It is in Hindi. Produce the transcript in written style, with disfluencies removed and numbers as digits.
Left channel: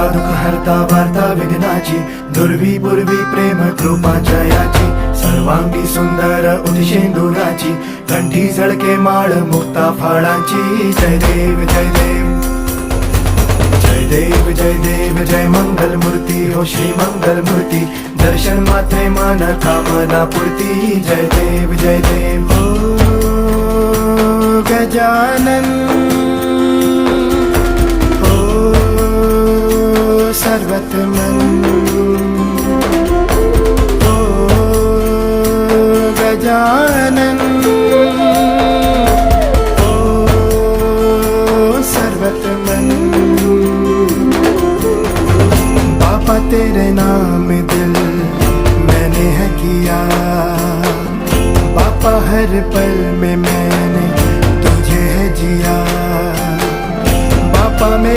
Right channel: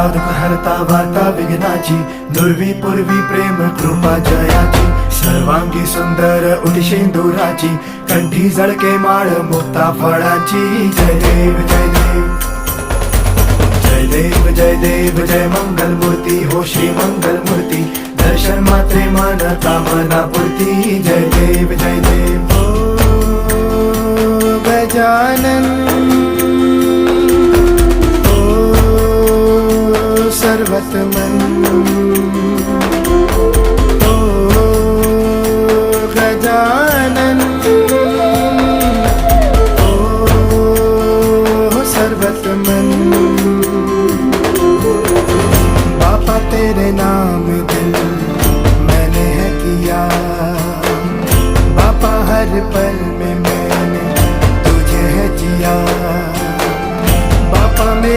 हरता दुःख हरता वार्ता विघ्नाची, दुर्वी पूर्वी प्रेम कृपा जयाची, सर्वांगी सुंदर उदिशेंदुराची, कंठी झळके माळ मुक्ता फळाची. जय देव जय देव जय देव जय देव जय मंगल मूर्ती हो श्री मंगल मूर्ती, दर्शन मात्रे मन कामना पूर्ती. जय देव जय देव हो गजानन हो सर्वतमन